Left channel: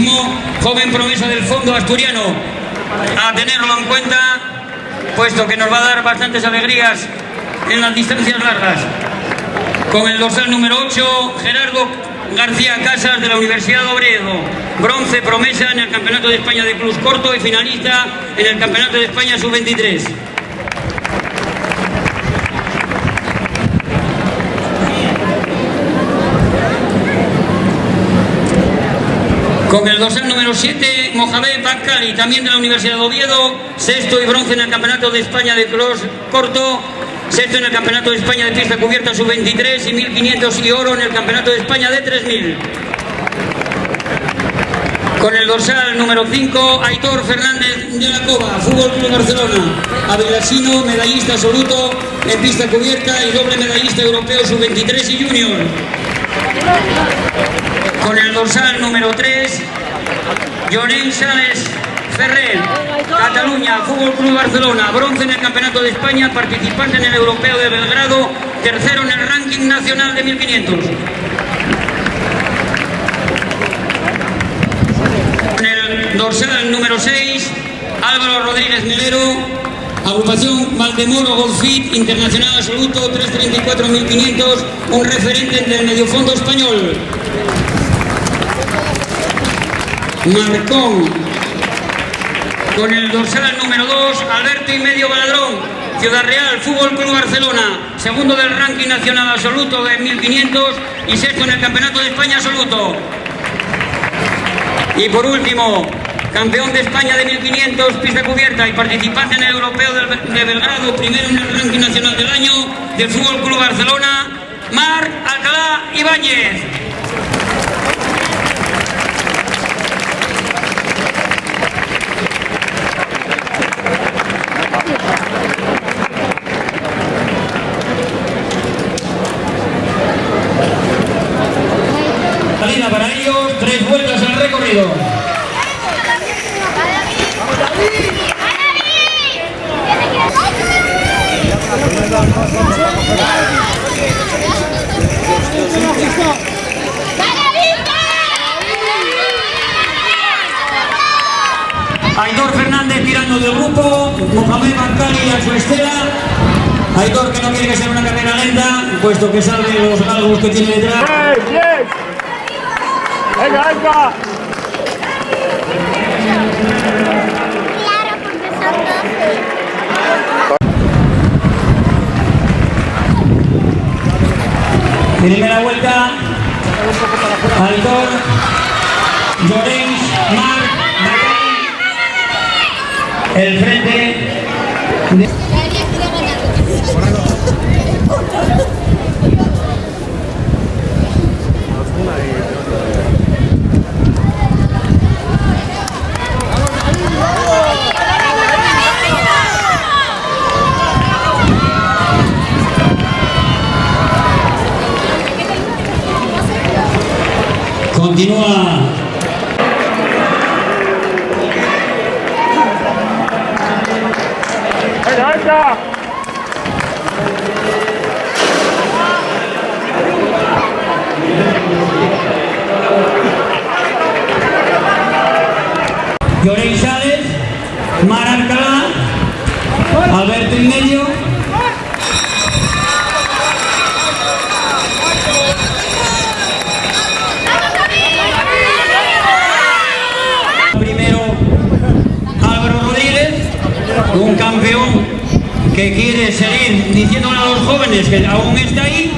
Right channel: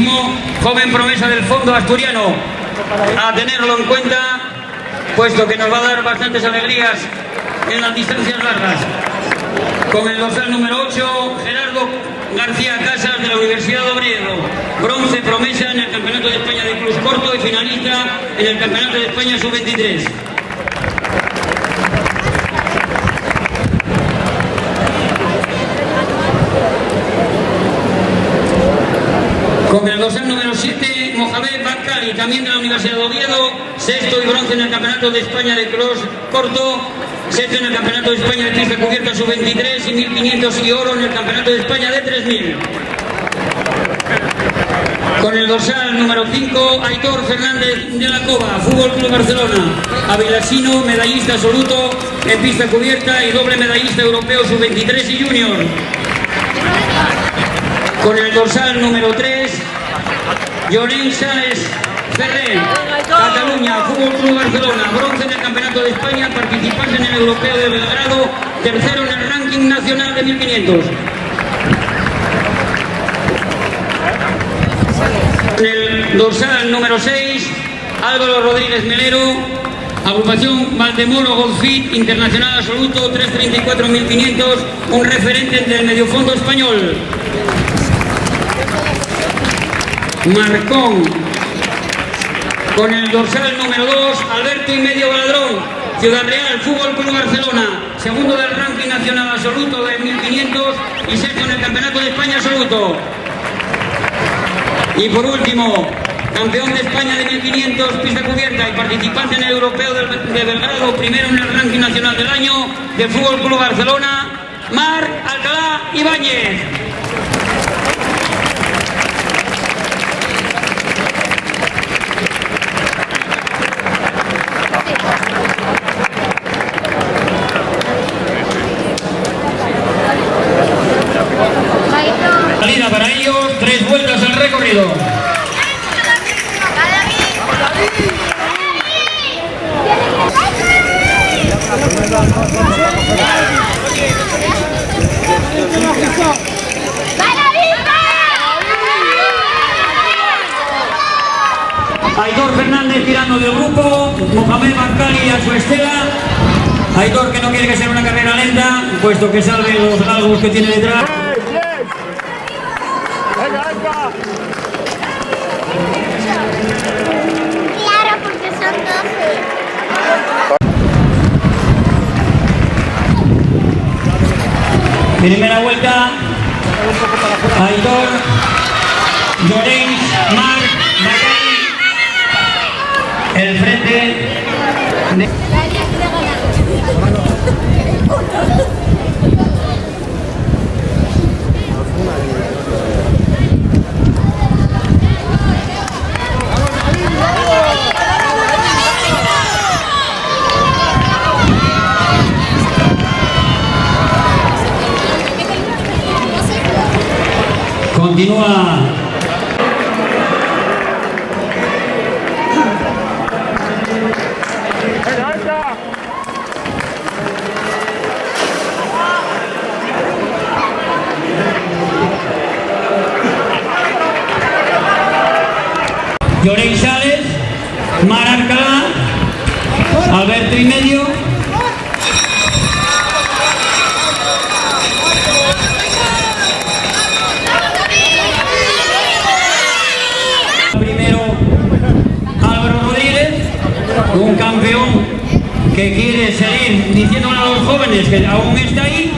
atletismo, joven promesa del fondo asturiano, a tenerlo en cuenta, puesto que nos va a dar bastantes alegrías en las distancias largas. Con el dorsal número 8, Gerardo García Casas, de la Universidad de Oviedo, bronce promesa en el Campeonato de España de Cruz Corto y finalista en el Campeonato de España Sub-23. Con el dorsal número 7, Mohamed Bakali, también de la Universidad de Oviedo, sexto y bronce en el Campeonato de España de Cross Corto, sexto en el Campeonato de España de Pista Cubierta Sub-23 y 1500 y oro en el Campeonato de España de 3000. Con el dorsal número 5, Aitor Fernández de la Cova, Fútbol Club Barcelona, avilasino, medallista absoluto en pista cubierta y doble medallista europeo Sub-23 y Junior. Con el dorsal número 3, Llorén Sáenz Ferrer, Cataluña, Fútbol Club Barcelona, bronce en el Campeonato de España, participante en el Europeo de Belgrado, tercero en el ranking nacional de 1500. En el dorsal número 6, Álvaro Rodríguez Melero, agrupación Valdemoro Golfit, internacional absoluto, 334.500, un referente del mediofondo español. Marcón. Con el dorsal número 2, Alberto y medio Baladrón, Ciudad Real, Fútbol Club Barcelona, segundo del ranking nacional absoluto de 1500 y sexto en el Campeonato de España absoluto. Y por último, campeón de España de 1500, pista cubierta y participante en el Europeo de Belgrado, primero en el ranking nacional del año de Fútbol Club Barcelona, Marc Alcalá Ibáñez. Salida para ellos, 3 vueltas al recorrido. Aitor Fernández tirando del grupo, Mohamed Bakali a su estela. Aitor, que no quiere que sea una carrera lenta, puesto que salve los galgos que tiene detrás. ¡Venga, venga! Claro, porque son 12. Primera vuelta, Aitor, Llorens, Marc, Bakali, el frente de... Continúa. ¡Venga, venga! Llorén Sáenz, Marc Alcalá, Alberto y medio. Primero Álvaro Rodríguez, un campeón que quiere seguir diciéndole a los jóvenes que aún está ahí.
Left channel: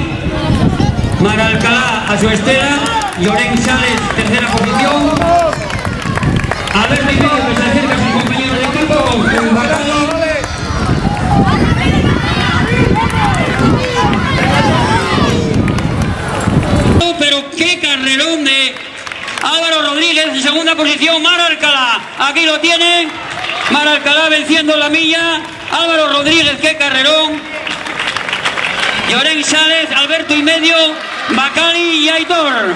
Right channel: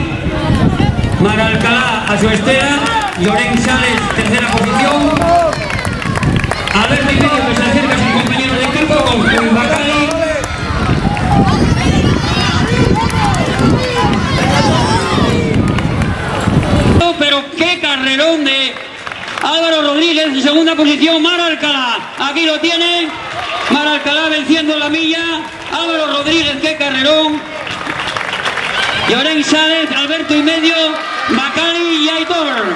Marc Alcalá a su estela, Llorén Sáenz tercera posición. Alberto y medio que se acerca a sus compañeros de equipo con Bakali. Pero qué carrerón de Álvaro Rodríguez en segunda posición, Marc Alcalá. Aquí lo tienen, Marc Alcalá venciendo la milla. Álvaro Rodríguez, qué carrerón. Llorén Sáenz, Alberto y medio, Bakali y Aitor.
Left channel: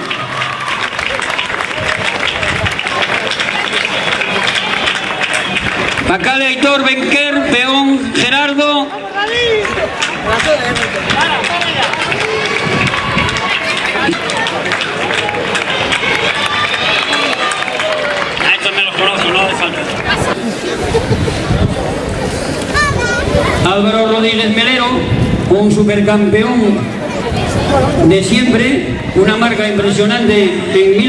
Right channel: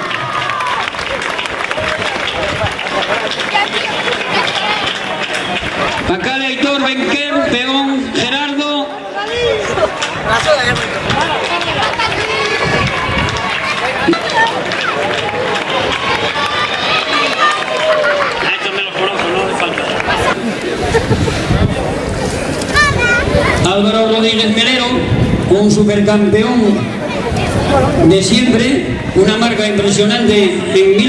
Bakali, Aitor, Benquer, Peón, Gerardo. Álvaro Rodríguez Melero, un supercampeón de siempre, una marca impresionante en